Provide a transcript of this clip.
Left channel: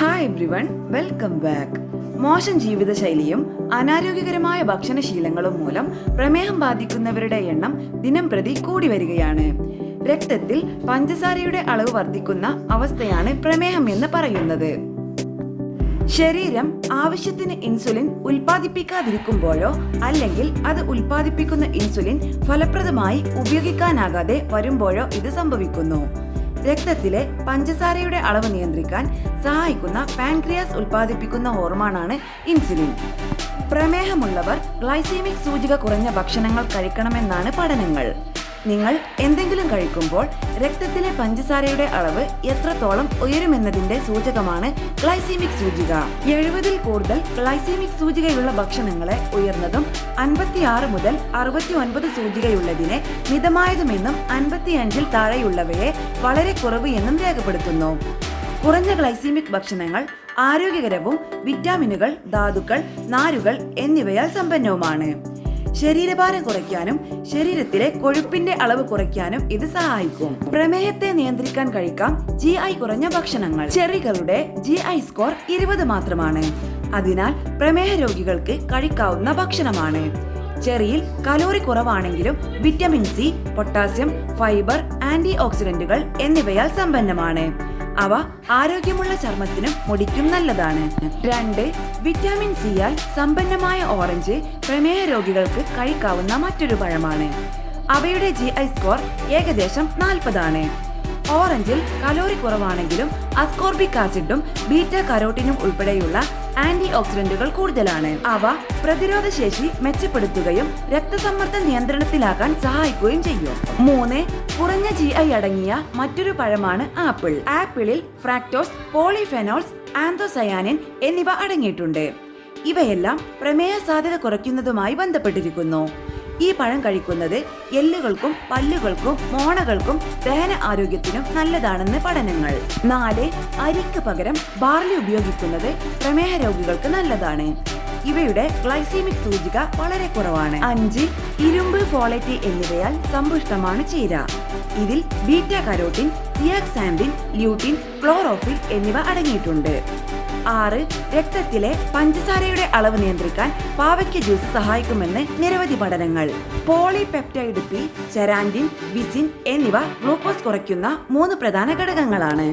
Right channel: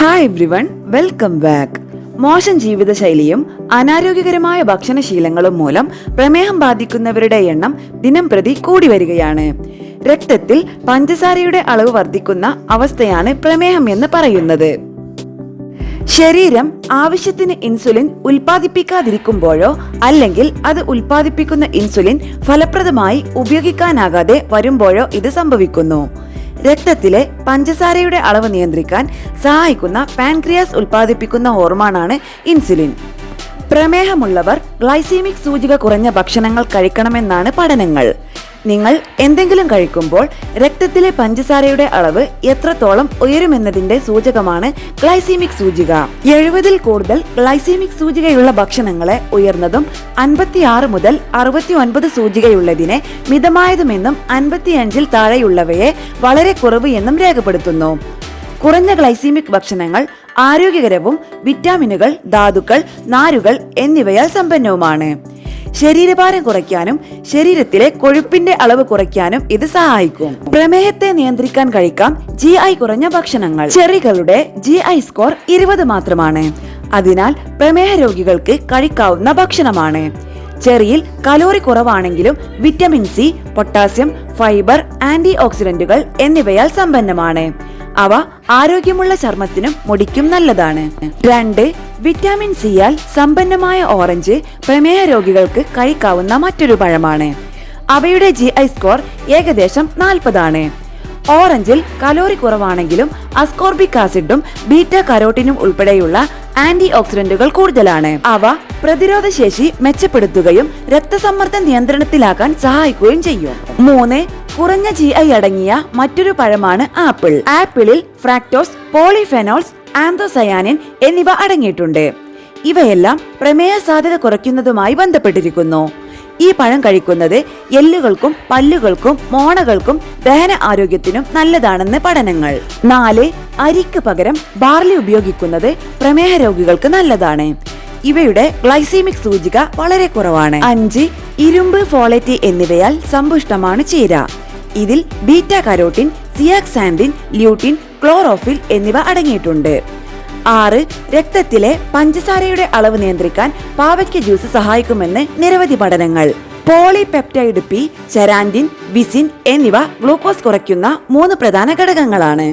Hi everyone, welcome back. മോശം ജീവിതശൈലിയും അനാരോഗ്യകരമായ ഭക്ഷണശീലങ്ങളും മൂലം പ്രമേഹം ബാധിക്കുന്നവരുടെ എണ്ണം ദിനം പ്രതി കൂടി വരികയാണ്. രക്തത്തിൽ പഞ്ചസാരയുടെ അളവ് വർദ്ധിക്കുന്ന അവസ്ഥയാണ് പ്രമേഹം എന്ന് പറയുന്നത്. ശരീരം ആവശ്യത്തിന് ഇൻസുലിൻ ഉൽപ്പാദിപ്പിക്കാതിരിക്കുമ്പോഴോ അല്ലെങ്കിൽ അത് ഉൽപ്പാദിപ്പിക്കുന്ന ഇൻസുലിൻ ഫലപ്രദമായി ഉപയോഗിക്കാനാകാതെ വരുമ്പോഴോ ഇത് സംഭവിക്കുന്നു. രക്തത്തിലെ പഞ്ചസാരയുടെ അളവ് നിയന്ത്രിക്കാൻ സഹായിക്കുന്ന പാൻക്രിയാസ് ഉൽപ്പാദിപ്പിക്കുന്ന ഹോർമോണാണ് ഇൻസുലിൻ. പ്രമേഹമുള്ളവർ ഗ്ലൈസീമിക് സൂചിക കുറഞ്ഞ ഭക്ഷണങ്ങൾ കഴിക്കണമെന്നാണ് പഠനങ്ങൾ. നിങ്ങൾ എന്തെങ്കിലും കഴിക്കുമ്പോൾ രക്തത്തിലെ പഞ്ചസാരയുടെ അളവ് എത്രത്തോളം ഉയരുമെന്നതിന്റെ സൂചകമാണ് ഗ്ലൈസീമിക് സൂചിക. 70-ൽ കൂടുതൽ ഗ്ലൈസീമിക് സൂചികയുള്ള ഭക്ഷണങ്ങളെ ഉയർന്നതും 56 മുതൽ 69 സൂചികയുള്ളതിനെ മിതമായതുമെന്നും 55-ൽ താഴെയുള്ളവയെ വളരെ കുറവ് എന്നും രേഖപ്പെടുത്തുന്നു. കുറഞ്ഞ ഗ്ലൈസീമിക് ഭക്ഷണങ്ങൾ ആരോഗ്യകരവും വിറ്റാമിനുകൾ, ധാതുക്കൾ, നാരുകൾ എന്നിവയാൽ സമ്പന്നവുമാണ്. ശരീരഭാരം കുറയ്ക്കാനും ശരീരത്തിലെ കൊഴുപ്പിന്റെ അളവ് കുറയ്ക്കാനും ഇത് സഹായിക്കും. പ്രമേഹത്തെ നിയന്ത്രിക്കാൻ കഴിക്കാം GI കുറഞ്ഞ ഭക്ഷണങ്ങൾ. ചെറികളുടെ GI സ്കോർ 20 മാത്രമാണ്. അതിനാൽ പ്രമേഹ രോഗികൾക്ക് കഴിക്കാവുന്ന ഭക്ഷണമാണ്. ചെറിയിൽ കലോറി കുറവാണെങ്കിലും vitamin C, potassium, fibre, anti ഓക്സിഡന്റുകൾ എന്നിവയാൽ സമ്പന്നമാണ്. അവ ആരോഗ്യമുള്ള ചർമ്മത്തിനും മുടിക്കും നല്ലതാണ്. 2. വിറ്റാമിൻ സിയാൽ സമ്പന്നമായ ഓറഞ്ച് പ്രമേഹ രോഗികൾക്ക് കഴിക്കാവുന്ന മറ്റൊരു പഴമാണ്. അവയുടെ GI സ്കോർ ഏകദേശം 40 ആണ്. ഓറഞ്ചിൽ കലോറി കുറവാണെങ്കിലും അസ്കോർബിക് ആസിഡും ബീറ്റ കരോട്ടിനും ഉൾപ്പെടെയുള്ള ആന്റി ഓക്സിഡന്റുകൾ കൂടുതലാണ്. അവ പ്രതിരോധ ശേഷി മെച്ചപ്പെടുത്തുകയും രക്തസമ്മർദ്ദം നിയന്ത്രണത്തിലാക്കാൻ സഹായിക്കുകയും ചെയ്യും. 3. കുറഞ്ഞ GI അടങ്ങിയ മറ്റൊരു പഴമാണ് ആപ്പിൾ. ആപ്പിളിൽ ഫ്രാക്ടോസ്, പോളിഫെനോൾസ്, ആന്തോസയാനിൻ എന്നിവ അടങ്ങിയിട്ടുണ്ട്. ഇവയെല്ലാം പ്രമേഹ സാധ്യത കുറയ്ക്കുന്നതുമായി ബന്ധപ്പെട്ടിരിക്കുന്നു. ഈ പഴം കഴിക്കുന്നത് എല്ലുകൾക്കും പല്ലുകൾക്കും മോണകൾക്കും ദഹന ആരോഗ്യത്തിനും നല്ലതാണെന്ന് പഠനങ്ങൾ. 4. അരിക്ക് പകരം ബാർലി ഉപയോഗിക്കുന്നത് പ്രമേഹ രോഗികൾക്ക് നല്ലതാണ്. ഇവയുടെ ഗ്ലൈസീമിക് സൂചിക വളരെ കുറവാണ്. 5. ഇരുമ്പ്, ഫോളേറ്റ് എന്നിവയാൽ സമ്പുഷ്ടമാണ് ചീര. ഇതിൽ ബീറ്റ കരോട്ടിൻ, സിയാക്സാൻഡിൻ, ല്യൂട്ടിൻ, ക്ലോറോഫിൽ എന്നിവ അടങ്ങിയിട്ടുണ്ട്. 6. രക്തത്തിലെ പഞ്ചസാരയുടെ അളവ് നിയന്ത്രിക്കാൻ പാവയ്ക്ക ജ്യൂസ് സഹായിക്കുമെന്ന് നിരവധി പഠനങ്ങൾ. പോളിപെപ്റ്റൈഡ് പി, ചെറാൻഡിൻ, വിസിൻ എന്നിവ ഗ്ലൂക്കോസ് കുറയ്ക്കുന്ന 3 പ്രധാന ഘടകങ്ങളാണ്.